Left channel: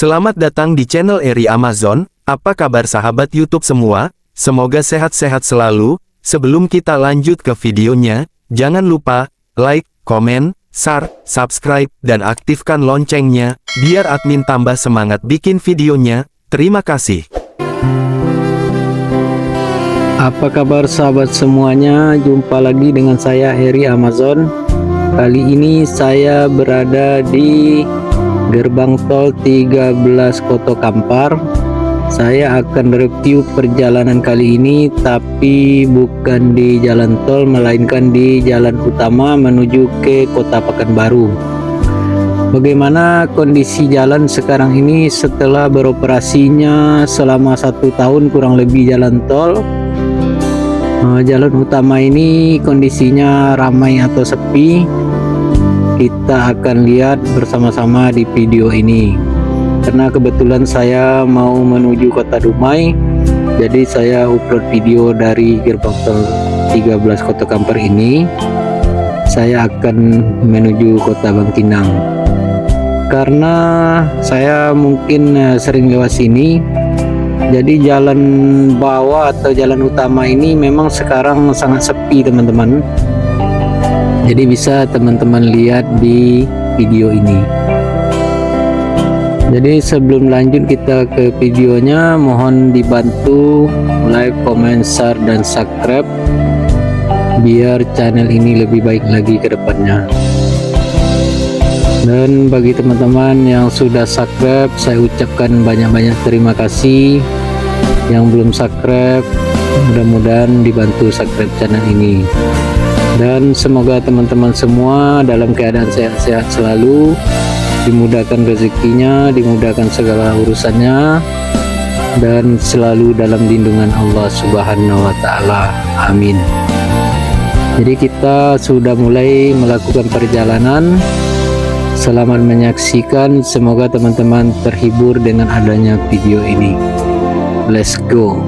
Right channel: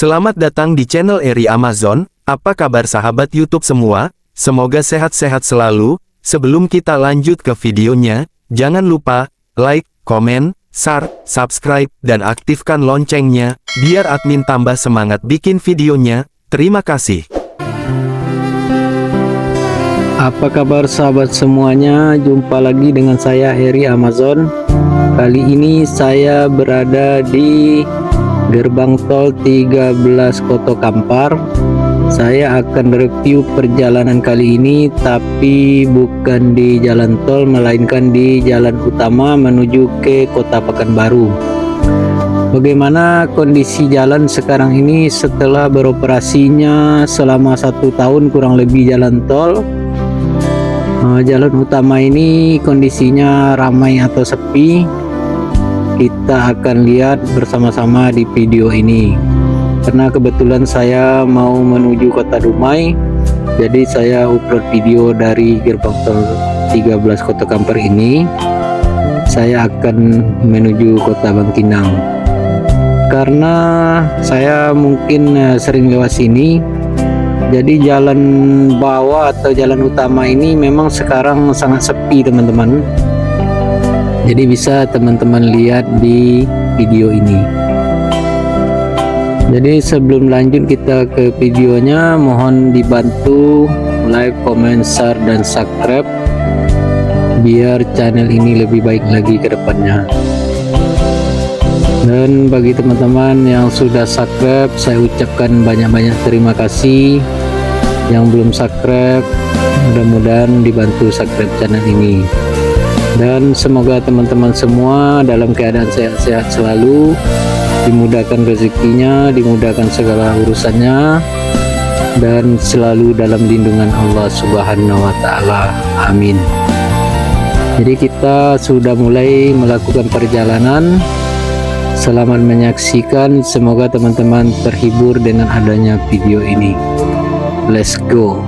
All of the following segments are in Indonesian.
Selamat datang di channel Eri Amazon. Apa kabar sahabat YouTube semua? Semoga sehat-sehat selalu. Sebelum kita lanjut ke videonya, jangan lupa like, komen, share, subscribe, dan aktifkan loncengnya, biar admin tambah semangat bikin videonya. Terima kasih. Apa kabar sahabat semuanya? Jumpa lagi dengan saya Eri Amazon. Kali ini saya berada di gerbang tol 13 Koto Kampar. Saya akan review perjalanan kali ini, tapi bukan di jalan tol, melainkan di jalan utama menuju ke Kota Pekanbaru. Bagaimana kondisi jalan sekarang ini setelah beroperasinya selama 1 tahun kurang lebih jalan tol? Jalan utama ini kondisinya ramai atau sepi? Kita akan lihat bersama-sama di video ini. Karena kebetulan saya mau menuju Kota Dumai, jadi saya upload video dari gerbang tol 13 Kota Kampar ini. Saya akan menuju Kota Bangkinang. Karena saya mungkin sering lewat sini, jadi jalan bawah atau jalan utama ini memang sekarang sangat sepi teman-teman. Jadi bisa teman-teman lihat di video ini. Jadi sebelum lanjut kita ke videonya, mohon dibantu like, comment, share, dan subscribe biar channel ini lebih baik lagi ke depannya. Dan bagi teman-teman yang sudah subscribe, saya ucapkan banyak-banyak terima kasih. Yang belum subscribe, mudah-mudahan dibantu subscribe channel ini. Dan semoga teman-teman semua dalam keadaan sehat-sehat selalu, dimudahkan rezekinya, dimudahkan segala urusannya, dan selalu dalam lindungan Allah Subhanahu wa Ta'ala. Amin. Jadi kita sudah mulai melakukan perjalanan. Selamat menyaksikan, semoga teman-teman terhibur dengan adanya video ini. Let's go.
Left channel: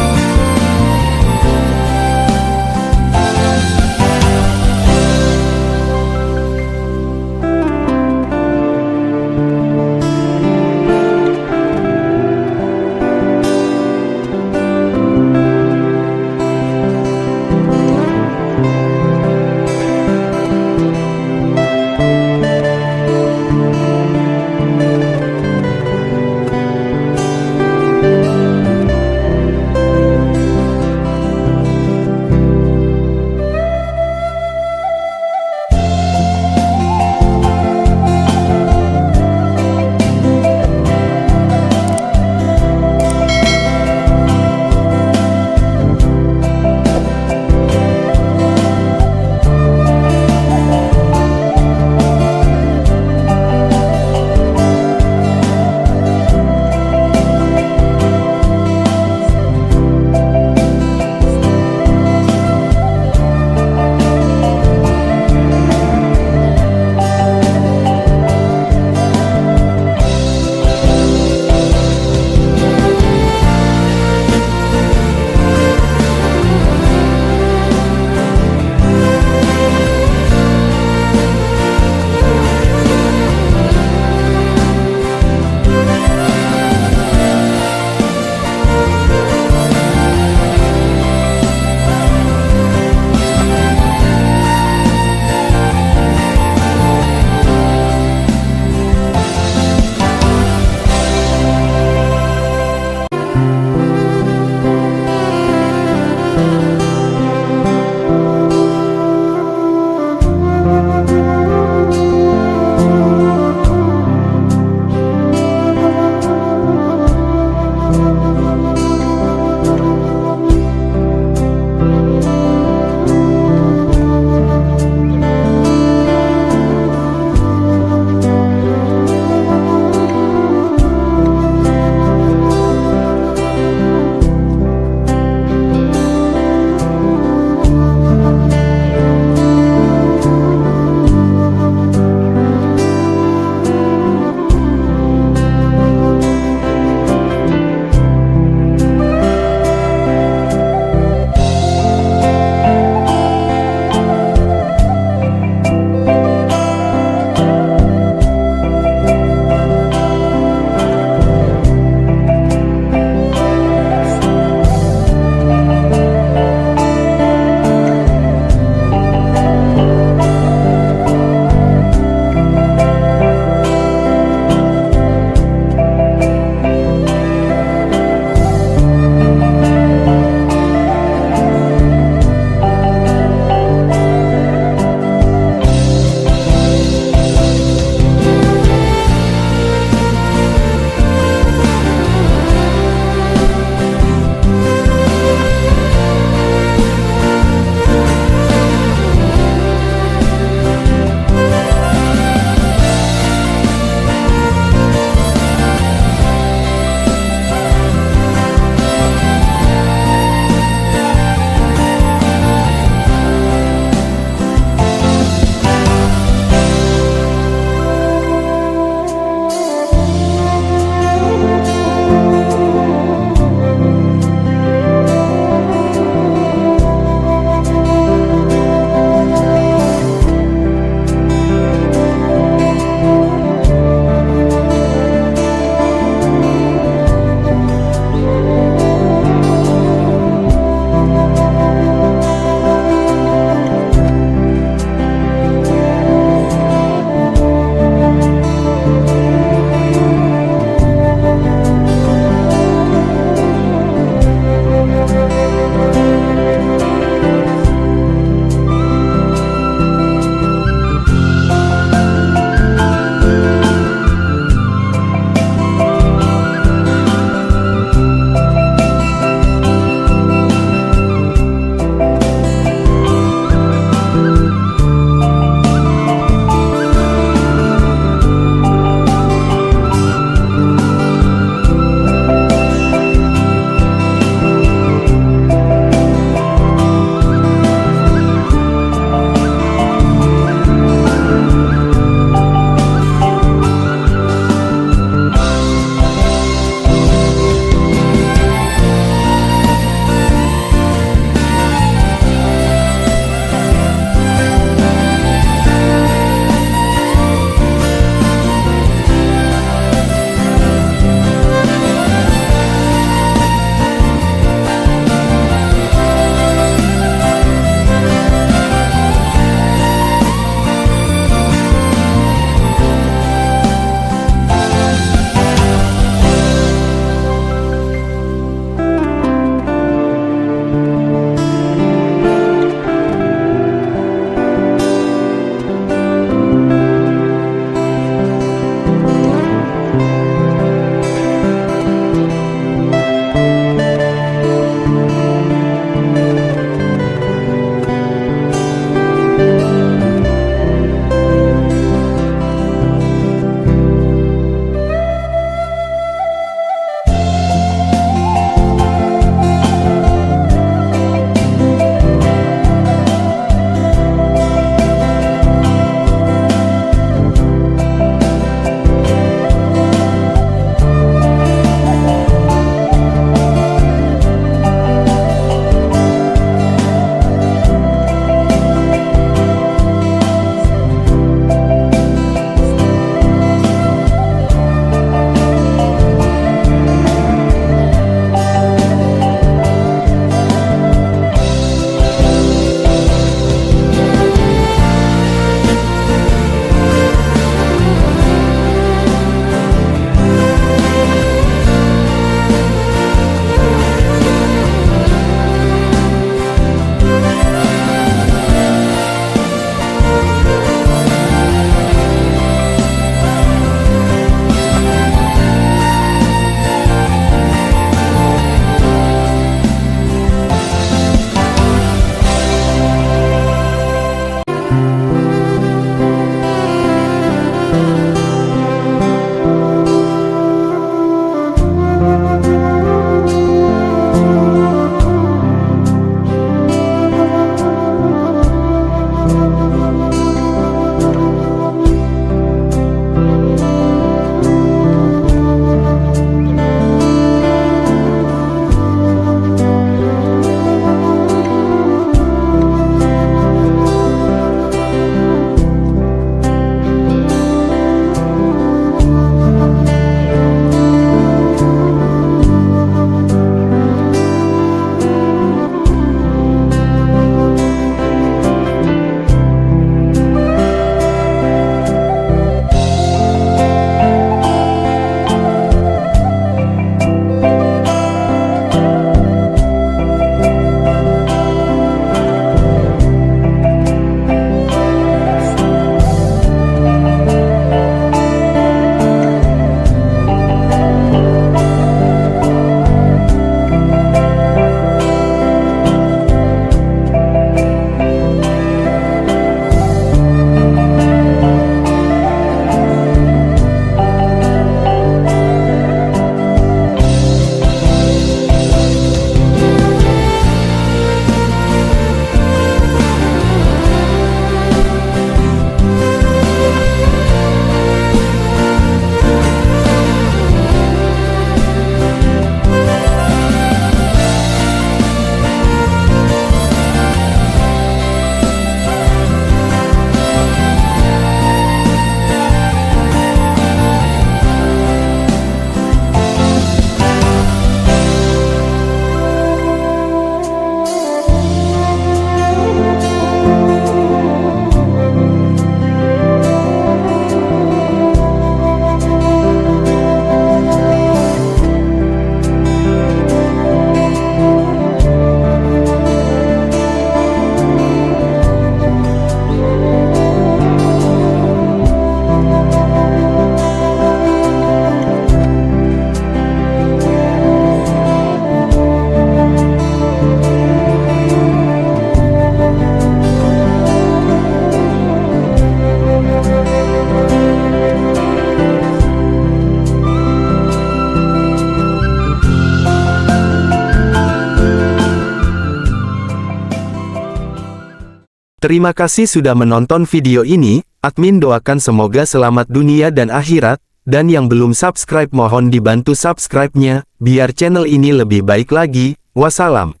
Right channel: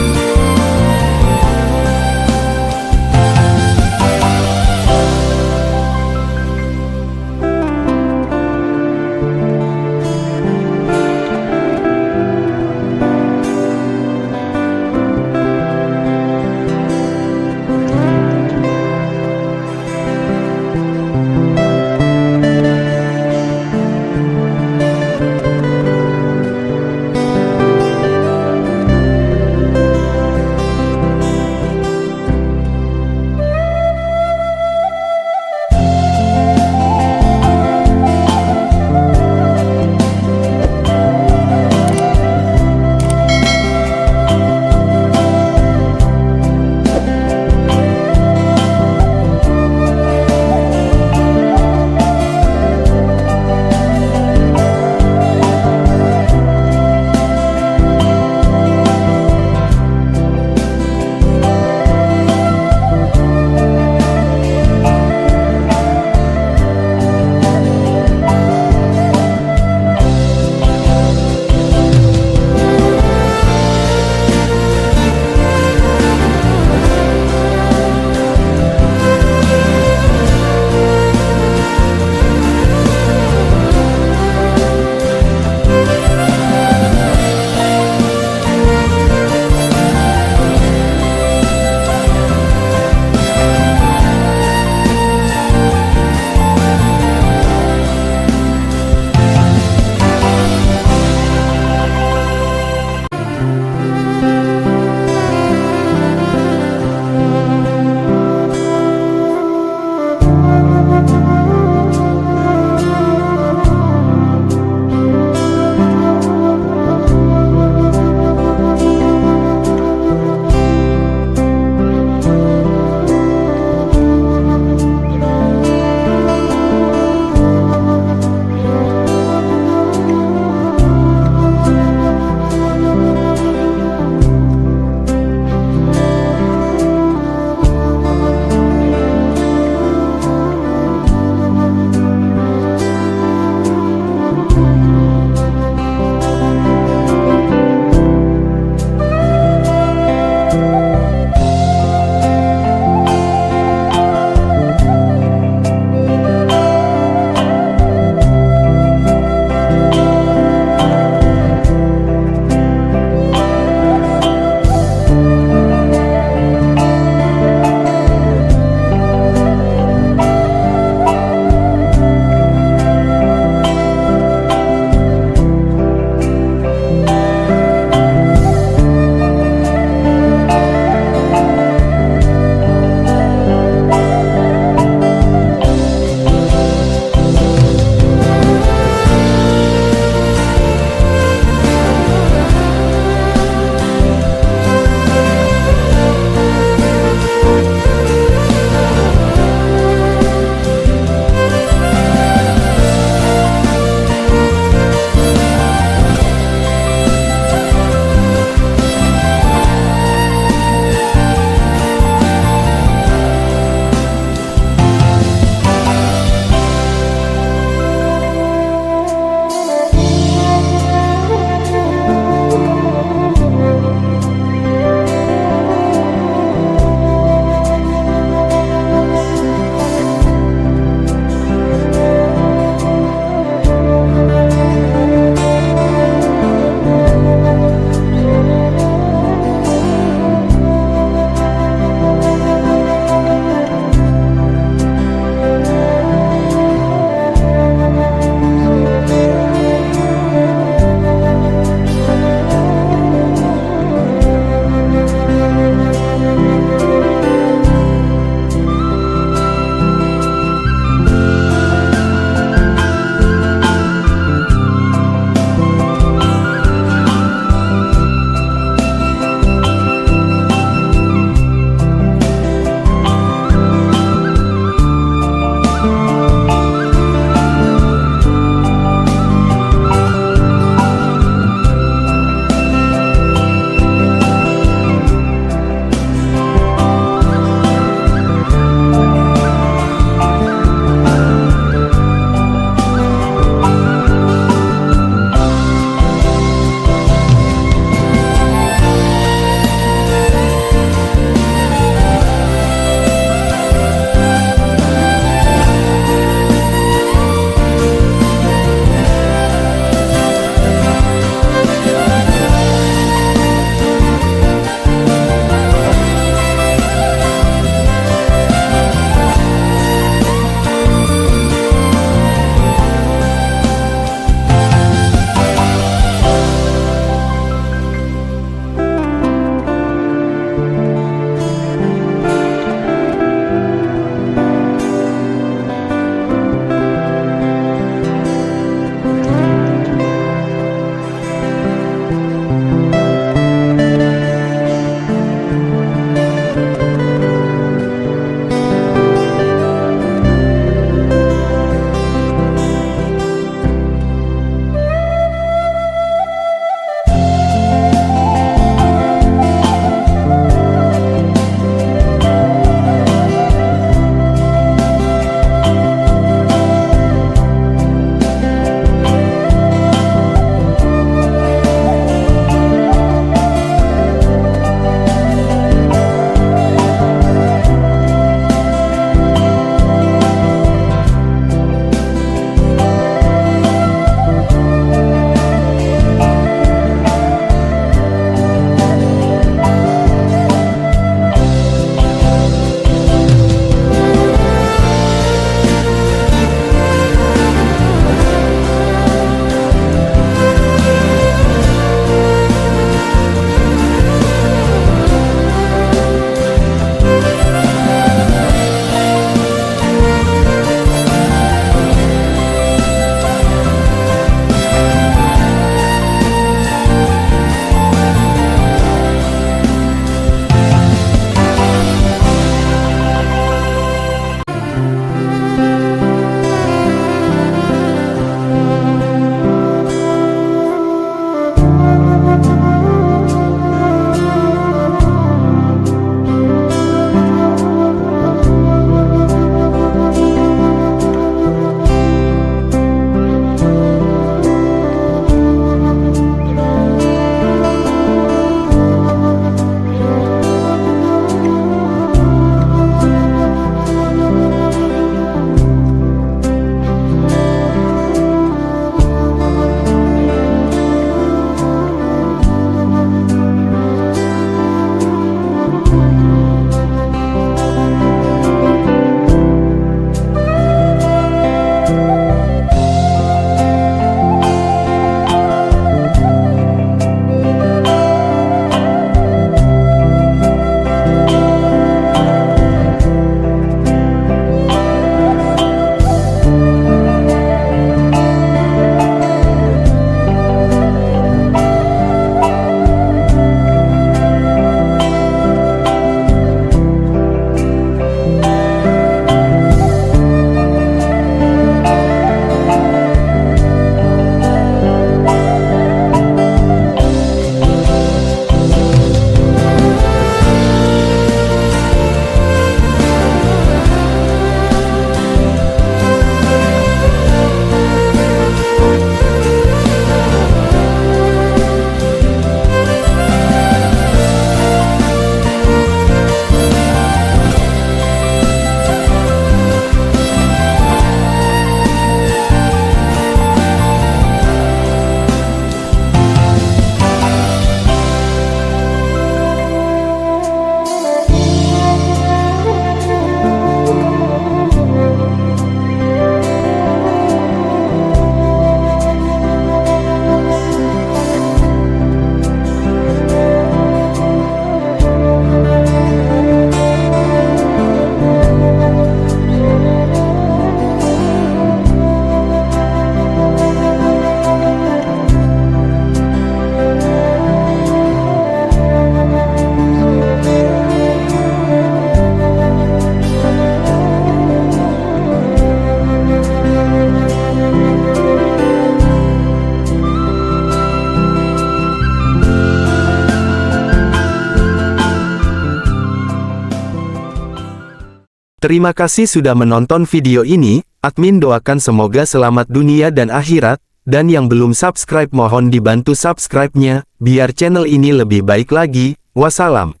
Terima kasih sudah menonton video ini, admin doakan semoga selamat dunia dan akhirat, dan yang belum subscribe mohon dibantu subscribe-nya, biar channel ini lebih baik lagi. Wassalam.